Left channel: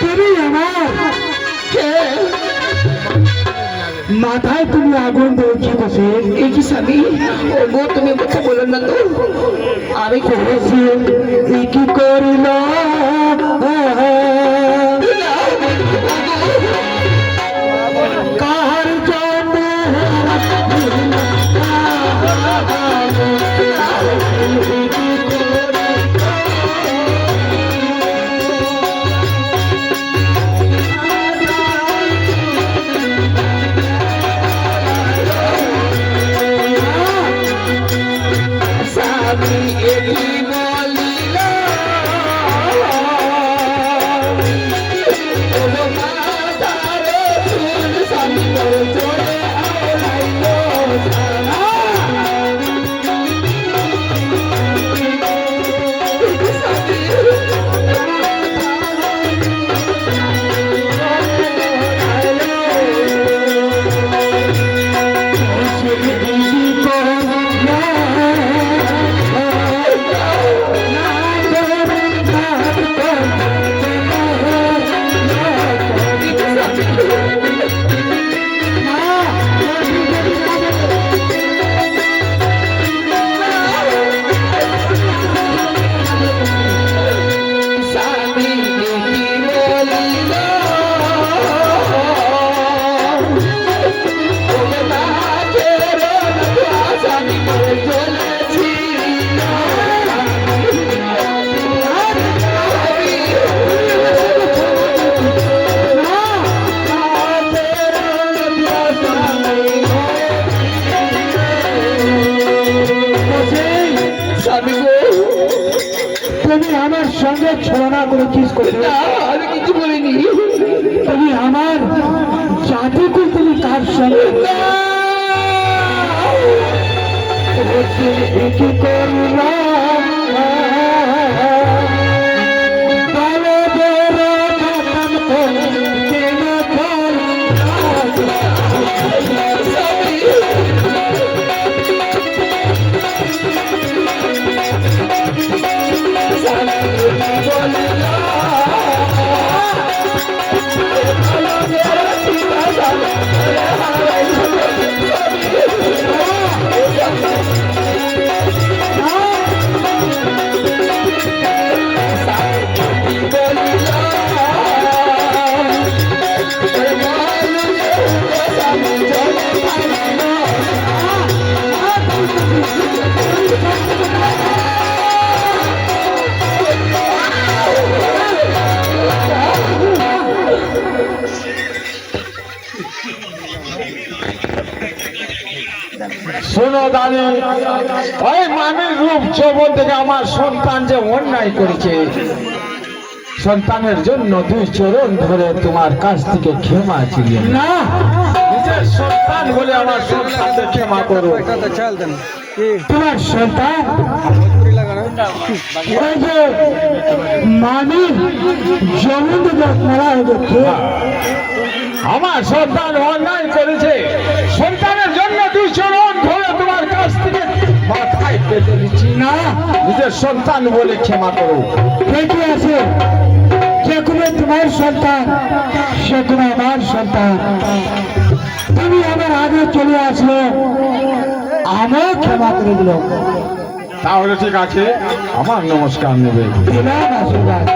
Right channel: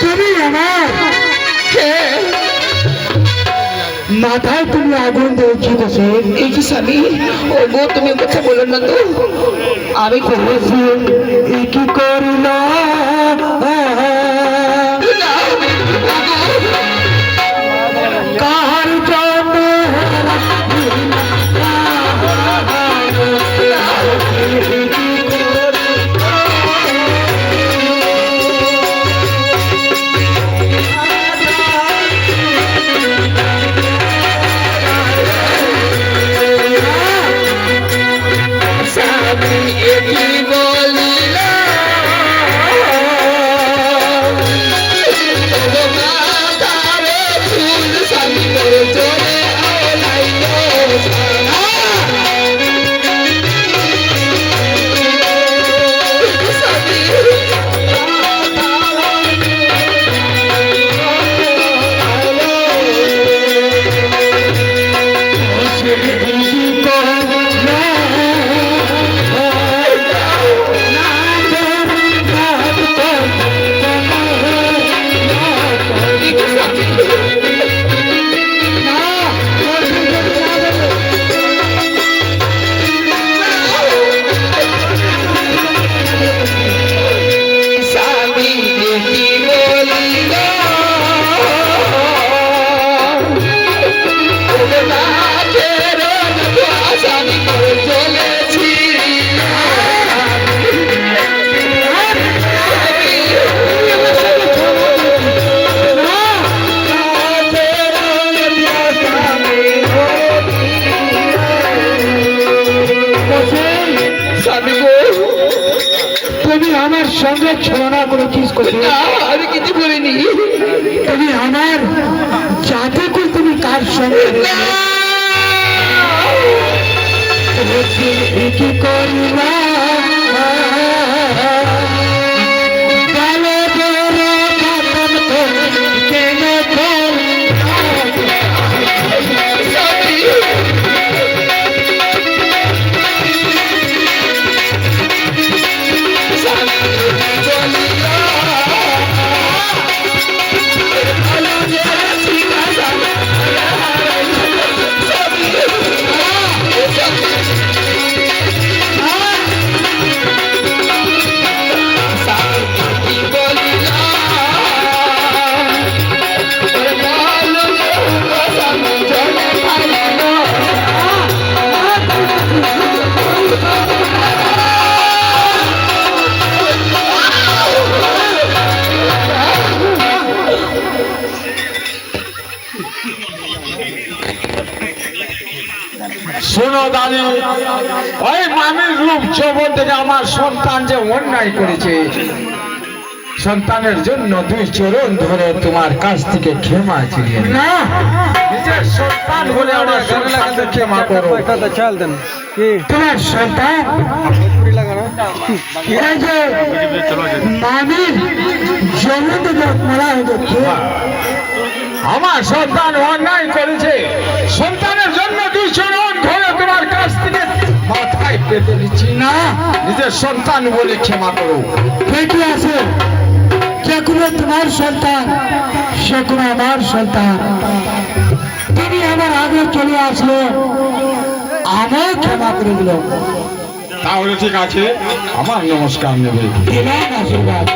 তুমি আমার মাথায় তুমি আগুন দিয়েছি বসে এই কি স্বামী ও গো তুমি কথা বলো না তো আমি করেছি কি করিল কার জন্য তুমি আমার সঙ্গে ছলনা করেছিস আমি কিছু বলিনি তুমি আমার যাতে করে তুমি কার সঙ্গে কি করবা শোনো দানি ওই মামির রূপ যৌবন থেকে আমার সন্তান যে অন্যায় করেছে সন্তানের জন্য দুই চরণ ধরে তোমার কাছ থেকে ক্ষমা চেয়ে না নিজের সন্তান বলে আমার সন্তানকে ক্ষমা করো তোমার সন্তান এই যে মামির জমিন মারা হয়েছে আমার সন্তান অন্যায় করেছে সন্তানের জন্য দুই চরণ ধরে তোমার কাছ থেকে মাথায় পেতে দিচ্ছি না নিজের সন্তান বলে ক্ষমা করো ঠিকই আছে যে কোনো তোমার সন্তান সে কোনো আমার সন্তান তুমি আমার আগে চলে আসলো আমিও ক্ষমা করে দিল তাহলে ঠিক আছে আমার নমস্কার নেবে দিলাম আশীর্বাদ।